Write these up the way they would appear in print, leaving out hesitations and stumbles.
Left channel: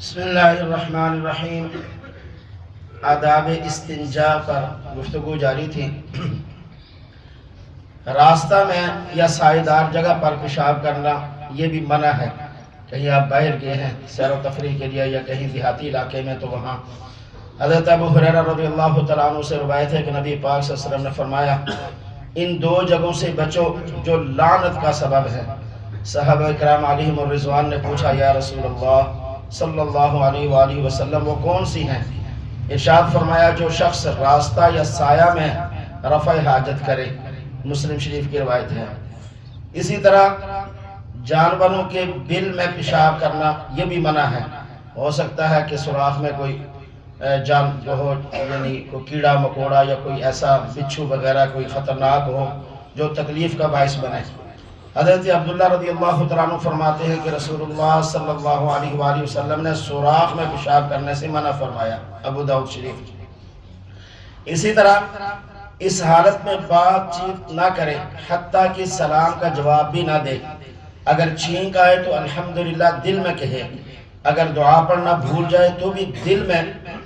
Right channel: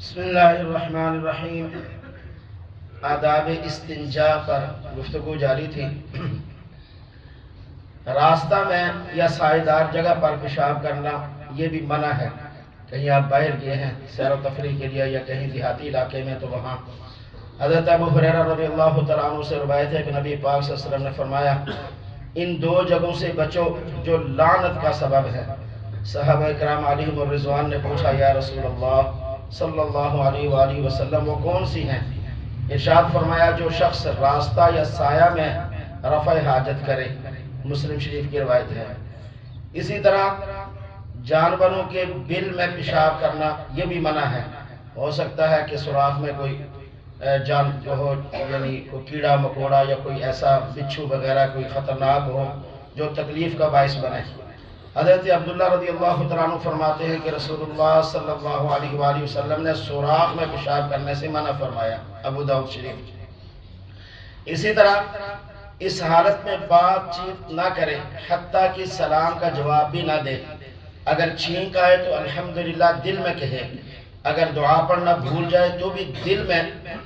بسم اللہ الرحمن الرحیم۔ آداب استنجا پر گفتگو جاری تھی۔ راستہ میں یا سائیدار جگہ پر پیشاب کرنا یہ بھی منع ہے۔ کہیں آپ باہر گئے ہیں سیر و تفریح کے لیے یا کہیں دیہاتی علاقے میں تو وہاں حضرت ابو ہریرہ رضی اللہ تعالیٰ عنہ سے روایت ہے کہ نبی پاک صلی اللہ علیہ وسلم نے فرمایا ان دو جگہوں سے بچو جو لعنت کا سبب ہے۔ صحابہ کرام علیہم الرضوان نے پوچھا یا رسول اللہ صلی اللہ علیہ وآلہ وسلم وہ کون سی ہیں؟ ارشاد فرمایا جو شخص راستہ یا سایہ میں رفع حاجت کرے۔ مسلم شریف کی روایت ہے۔ اسی طرح جانوروں کے بل میں پیشاب کرنا یہ بھی منع ہے۔ ہو سکتا ہے کہ سوراخ میں کوئی جان جو ہو، یعنی کوئی کیڑا مکوڑا یا کوئی ایسا بچھو وغیرہ کوئی خطرناک ہو جو تکلیف کا باعث بنے۔ حضرت عبداللہ رضی اللہ تعالیٰ عنہ فرماتے ہیں کہ رسول اللہ صلی اللہ علیہ وآلہ وسلم نے سوراخ میں پیشاب کرنے سے منع فرمایا۔ ابو داؤد شریف۔ اسی طرح اس حالت میں بات چیت نہ کرے حتیٰ کہ سلام کا جواب بھی نہ دے۔ اگر چھینک آئے تو الحمدللہ دل میں کہے، اگر دعا پڑھنا بھول جائے تو بھی دل میں،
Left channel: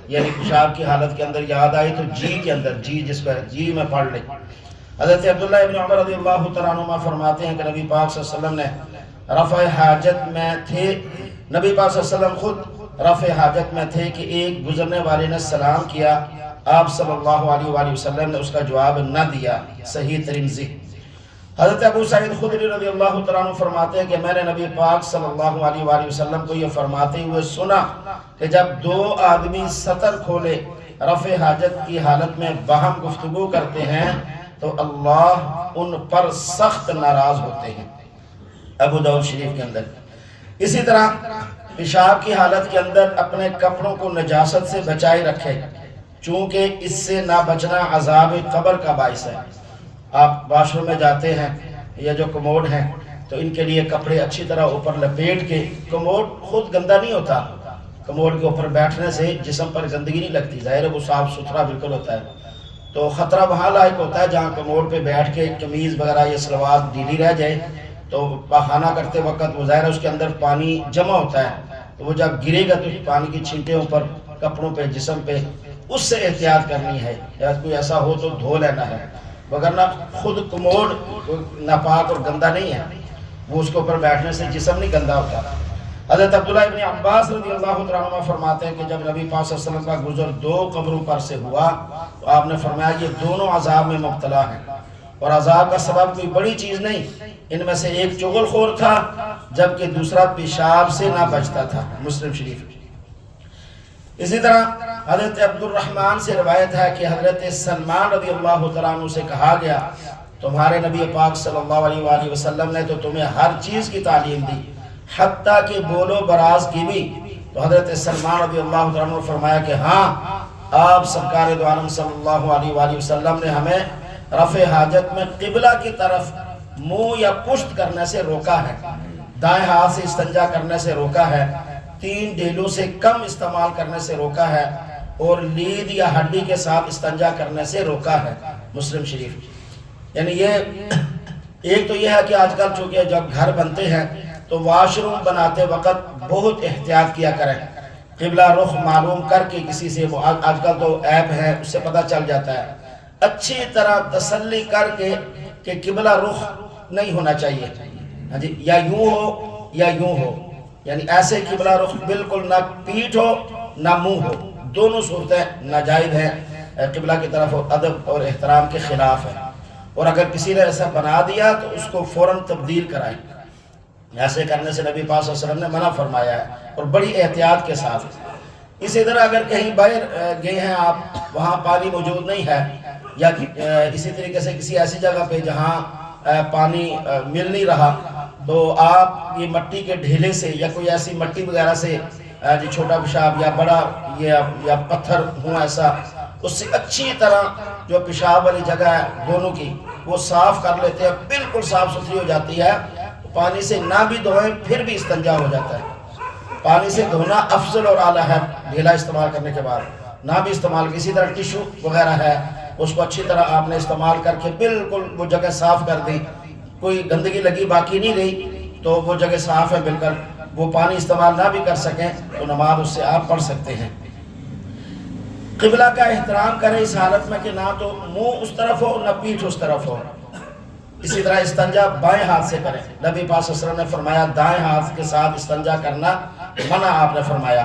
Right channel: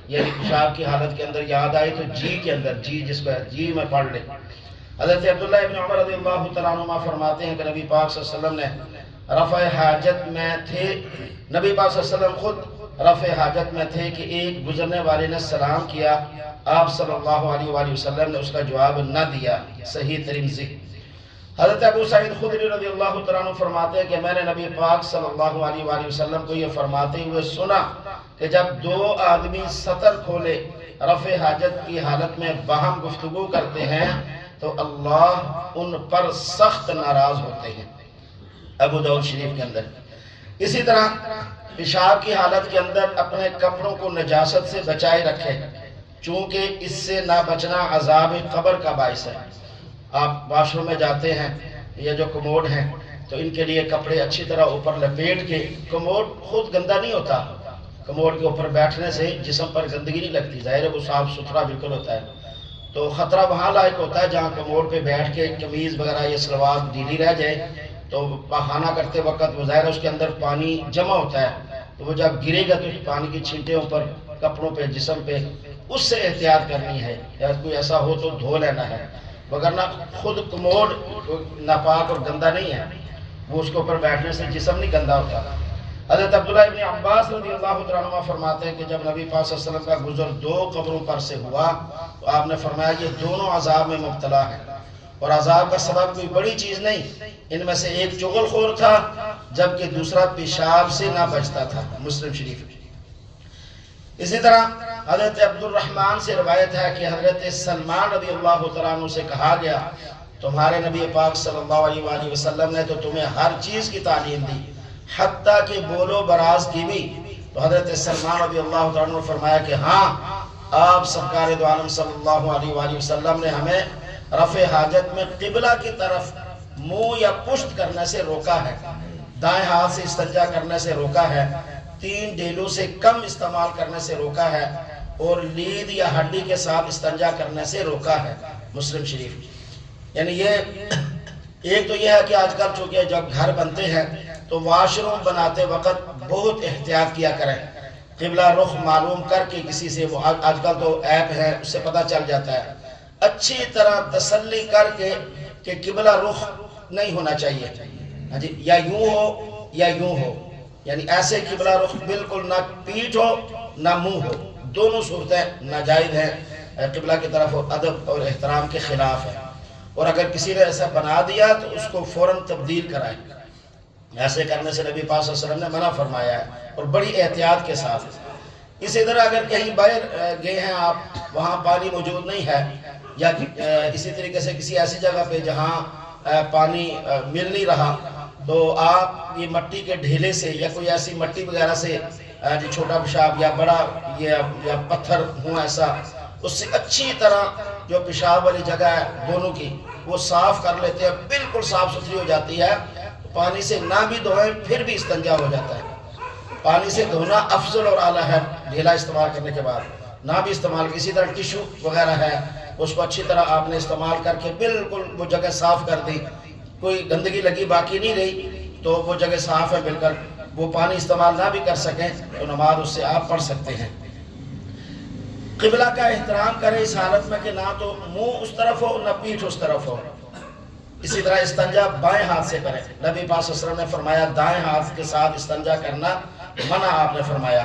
یعنی پیشاب کی حالت کے اندر یاد آئے تو جی کے اندر، جی جس کو ہے جی میں پڑھ لے۔ حضرت عبداللہ ابن عمر رضی اللہ تعالیٰ عنہ فرماتے ہیں کہ نبی پاک صلی اللہ علیہ وسلم نے رفع حاجت میں تھے، نبی پاک صلی اللہ علیہ وسلم خود رفع حاجت میں تھے کہ ایک گزرنے والے نے سلام کیا، آپ صلی اللہ علیہ وآلہ وسلم نے اس کا جواب نہ دیا۔ صحیح ترمذی۔ حضرت ابو سعید خدری رضی اللہ تعالیٰ عنہ فرماتے ہیں کہ میں نے نبی پاک صلی اللہ علیہ وآلہ وسلم کو یہ فرماتے ہوئے سنا کہ جب دو آدمی سطر کھولے رفع حاجت کی حالت میں باہم گفتگو کرتے ہیں تو اللہ ان پر سخت ناراض ہوتے ہیں۔ ابو داؤد شریف کے اندر۔ اسی طرح پیشاب کی حالت کے اندر اپنے کپڑوں کو نجاست سے بچائے رکھے، چونکہ اس سے نہ بچنا عذاب قبر کا باعث ہے۔ آپ واش روم میں جاتے ہیں یا جو کموڈ ہیں تو ان کے لیے کپڑے اچھی طرح اوپر لپیٹ کے، کموڈ خود گندا نہیں ہوتا، کموڈ کے اوپر بیٹھنے سے جسم پر گندگی نہیں لگتی، ظاہر ہے وہ صاف ستھرا بالکل ہوتا ہے۔ تو خطرہ وہاں لائق ہوتا ہے جہاں کموڈ پہ بیٹھ کے قمیض وغیرہ یا سلوار ڈھیلی رہ جائے تو پاخانہ کرتے وقت وہ ظاہر اس کے اندر پانی جمع ہوتا ہے، تو وہ جب گرے گا تو پانی کی چھینٹیں اوپر کپڑوں پہ جسم پہ، اس سے احتیاط کرنی ہے، یا کوئی ایسا ہو تو دھو لینا ہے، وگرنہ خود کموڈ ناپاک اور گندا نہیں ہے، وہ اس کے اوپر بیٹھنے سے جسم نہیں گندا ہوتا۔ حضرت عبداللہ ابن عباس رضی اللہ تعالیٰ عنہ فرماتے ہیں کہ جب نبی پاک صلی اللہ علیہ وسلم کا گزر دو قبروں پر سے ہوا تو آپ نے فرمایا یہ دونوں عذاب میں مبتلا ہیں، اور عذاب کا سبب کوئی بڑی چیز نہیں، ان میں سے ایک چغل خور تھا جبکہ دوسرا پیشاب سے نہ بچتا تھا۔ مسلم شریف۔ اسی طرح حضرت عبد الرحمن سے روایت ہے کہ حضرت سلمان رضی اللہ تعالیٰ عنہ سے کہا گیا تمہارے نبی پاک صلی اللہ علیہ وآلہ وسلم نے تو تمہیں ہر چیز کی تعلیم دی حتیٰ کہ بول و براز کی بھی، تو حضرت سلمان رضی اللہ تعالیٰ عنہ نے فرمایا کہ ہاں، آپ سرکار دو عالم صلی اللہ علیہ وآلہ وسلم نے ہمیں رفع حاجت میں قبلہ کی طرف منہ یا پشت کرنے سے روکا ہے، دائیں ہاتھ سے استنجا کرنے سے روکا ہے، 3 ڈیلوں سے کم استعمال کرنے سے روکا ہے، اور لید یا ہڈی کے ساتھ استنجا کرنے سے روکا ہے۔ مسلم شریف۔ یعنی یہ ایک تو یہ ہے کہ آج کل چونکہ جب گھر بنتے ہیں تو واش روم بناتے وقت بہت احتیاط کیا کریں، قبلہ رخ معلوم کر کے کسی سے، وہ آج کل تو ایپ ہے اس سے پتہ چل جاتا ہے، اچھی طرح تسلی کر کے کہ قبلہ رخ نہیں ہونا چاہیے، ہاں جی، یا یوں ہو یا یوں ہو، یعنی ایسے قبلہ رخ بالکل نہ پیٹھ ہو نہ منہ ہو، دونوں صورتیں ناجائز ہیں، قبلہ کی طرف ادب اور احترام کے خلاف ہے، اور اگر کسی نے ایسا بنا دیا تو اس کو فوراً تبدیل کرائیں۔ ایسے کرنے سے نبی پاک صلی اللہ علیہ وسلم نے منع فرمایا ہے، اور بڑی احتیاط کے ساتھ۔ اسی طرح اگر کہیں باہر گئے ہیں آپ، وہاں پانی موجود نہیں ہے، یا اسی طریقے سے کسی ایسی جگہ پہ جہاں پانی مل نہیں رہا، تو آپ یہ مٹی کے ڈھیلے سے یا کوئی ایسی مٹی وغیرہ سے جو چھوٹا پیشاب یا بڑا یا پتھر ہوں ایسا، اس سے اچھی طرح جو پیشاب والی جگہ ہے دونوں کی وہ صاف کر لیتے ہیں، بالکل صاف ستھری ہو جاتی ہے، پانی سے نہ بھی دھوئیں پھر بھی استنجا ہو جاتا ہے۔ پانی سے دھونا افضل اور اعلیٰ ہے ڈھیلا استعمال کرنے کے بعد، نہ بھی استعمال کی۔ اسی طرح ٹیشو وغیرہ ہے، اس کو اچھی طرح آپ نے استعمال کر کے بالکل وہ جگہ صاف کر دی، کوئی گندگی لگی باقی نہیں رہی، تو وہ جگہ صاف ہے بالکل، وہ پانی استعمال نہ بھی کر سکیں تو نماز اس سے آپ پڑھ سکتے ہیں۔ قبلہ کا احترام کریں اس حالت میں کہ نہ تو منہ اس طرف ہو نہ پیٹھ اس طرف ہو۔ اسی طرح استنجا بائیں ہاتھ سے کریں۔ نبی پاک صلی اللہ علیہ وسلم نے فرمایا دائیں ہاتھ کے ساتھ استنجا کرنا منع آپ نے فرمایا،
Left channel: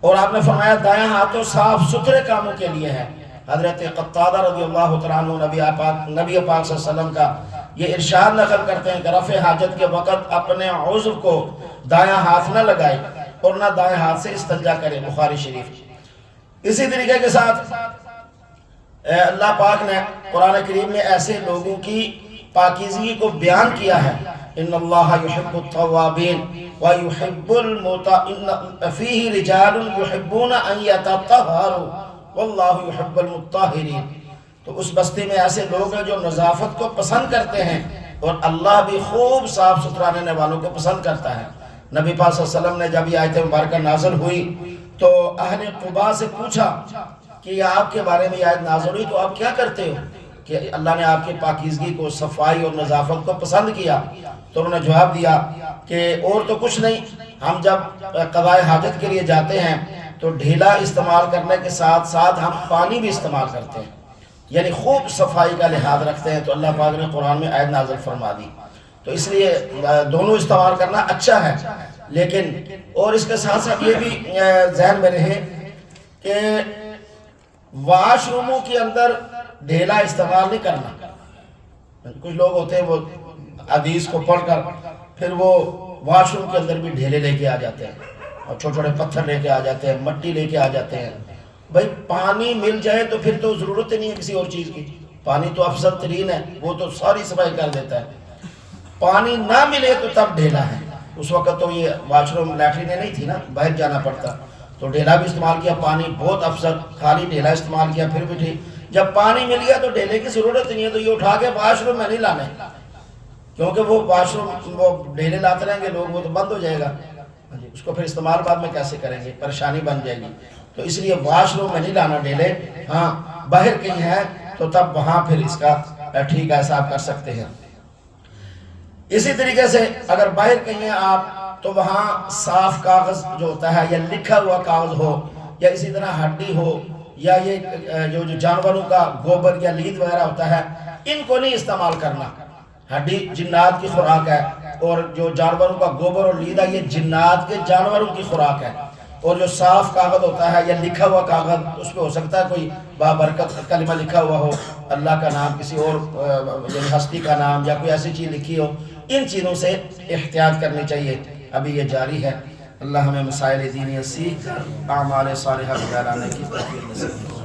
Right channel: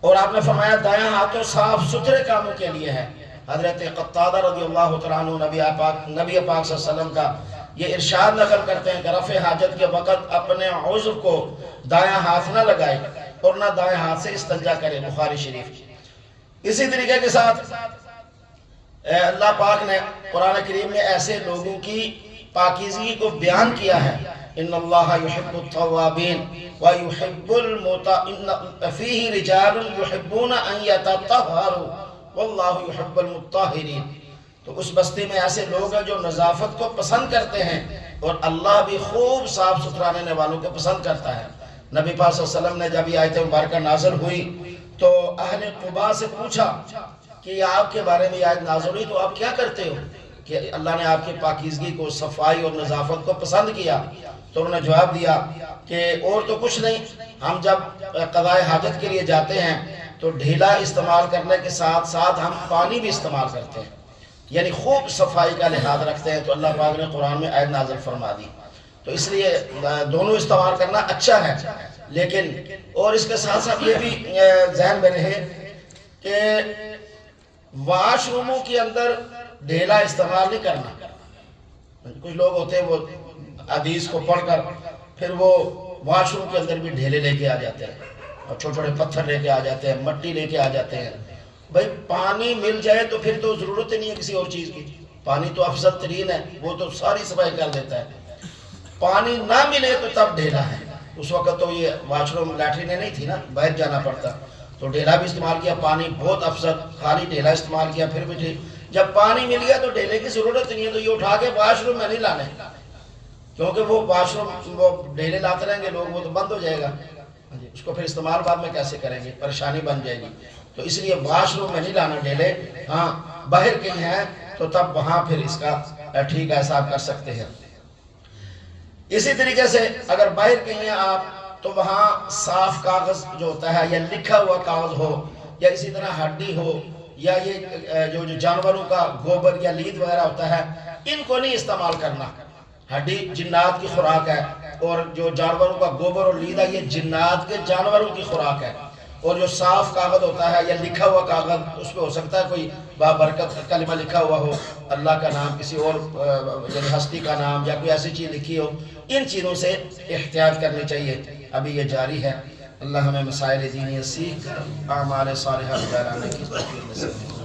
اور آپ نے فرمایا دائیں ہاتھ تو صاف ستھرے کاموں کے لیے ہے۔ حضرت قتادہ رضی اللہ تعالیٰ عنہ نبی پاک صلی اللہ علیہ وسلم کا یہ ارشاد نقل کرتے ہیں کہ رفع حاجت کے وقت اپنے عضو کو دائیں ہاتھ نہ لگائے اور نہ دائیں ہاتھ سے استنجا کرے، بخاری شریف۔ اسی طریقے کے ساتھ اللہ پاک نے قرآن کریم میں ایسے لوگوں کی پاکیزگی کو بیان کیا ہے، ان اللہ یحب التوابین ویحب فیہ رجال یحبون ان یتطہروا واللہ یحب المطہرین۔ تو اس بستی میں ایسے لوگ ہیں جو نظافت کو پسند کرتے ہیں اور اللہ بھی خوب صاف ستھرا رہنے والوں کو پسند کرتا ہے۔ نبی پاک صلی اللہ علیہ وسلم نے جب یہ آیت مبارکہ نازل ہوئی تو اہل قباء سے پوچھا کہ یہ آپ کے بارے میں یہ آیت نازل ہوئی تو آپ کیا کرتے ہو کہ اللہ نے آپ کی پاکیزگی کو، صفائی اور نظافت کو پسند کیا؟ تو انہوں نے جواب دیا کہ اور تو کچھ نہیں، ہم جب قضاء حاجت کے لیے جاتے ہیں تو ڈھیلا استعمال کرنے کے ساتھ ساتھ ہم پانی بھی استعمال کرتے ہیں، یعنی خوب صفائی کا لحاظ رکھتے ہیں۔ تو اللہ پاک نے قرآن میں آیت نازل فرما دی، تو اس لیے دونوں استعمال کرنا اچھا ہے، لیکن اور اس کے ساتھ ساتھ یہ بھی ذہن میں رہے کہ واش روموں کے اندر ڈھیلا استعمال نہیں کرنا۔ کچھ لوگ ہوتے ہیں وہ حدیث کو پڑھ کر پھر وہ واش روم کے اندر بھی ڈھیلے لے کے آ جاتے ہیں اور چھوٹے چھوٹے پتھر لے کے آ جاتے ہیں، مٹی لے کے آ جاتے ہیں۔ بھائی پانی مل جائے تو پھر تو ضرورت ہی نہیں ہے کسی اور چیز کی، پانی تو افضل ترین ہے، وہ تو ساری صفائی کر دیتا ہے۔ پانی نہ ملے تو تب ڈھیلا ہے۔ اس وقت تو یہ واش روم لیٹرینیں نہیں تھی نا، باہر جانا پڑتا، تو ڈھیلا بھی استعمال کیا، پانی بہت افضل، خالی ڈھیلا استعمال کیا پھر بھی ٹھیک۔ جب پانی مل گیا تو ڈھیلے کی ضرورت نہیں ہے، تو یہ اٹھا کے واش روم میں نہیں لانا ہے، کیونکہ وہ واش روم وہ ڈھیلے لاتے رہیں گے لوگ، وہ تو بند ہو جائے گا، اس کو پھر استعمال بعد میں کیسے کریں گے، پریشانی بن جائے گی۔ تو اس لیے واش روم میں نہیں لانا ڈھیلے، ہاں باہر کہیں ہے تو تب وہاں پھر اس کا ٹھیک ایسا آپ کر سکتے ہیں۔ اسی طریقے سے اگر باہر کہیں ہیں آپ تو وہاں صاف کاغذ جو ہوتا ہے یا لکھا ہوا کاغذ ہو یا اسی طرح ہڈی ہو یا یہ جو جانوروں کا گوبر یا لید وغیرہ ہوتا ہے، ان کو نہیں استعمال کرنا۔ ہڈی جنات کی خوراک ہے اور جو جانوروں کا گوبر اور لید ہے یہ جنات کے جانوروں کی خوراک ہے۔ اور جو صاف کاغذ ہوتا ہے یا لکھا ہوا کاغذ، اس پہ ہو سکتا ہے کوئی بابرکت کلمہ لکھا ہوا ہو، اللہ کا نام، کسی اور یعنی ہستی کا نام یا کوئی ایسی چیز لکھی ہو، ان چیزوں سے احتیاط کرنی چاہیے۔ ابھی یہ جاری ہے۔ اللہ ہمیں مسائل دینی سیکھ کر اعمال صالحہ گزارنے کی توفیق نصیب فرمائے۔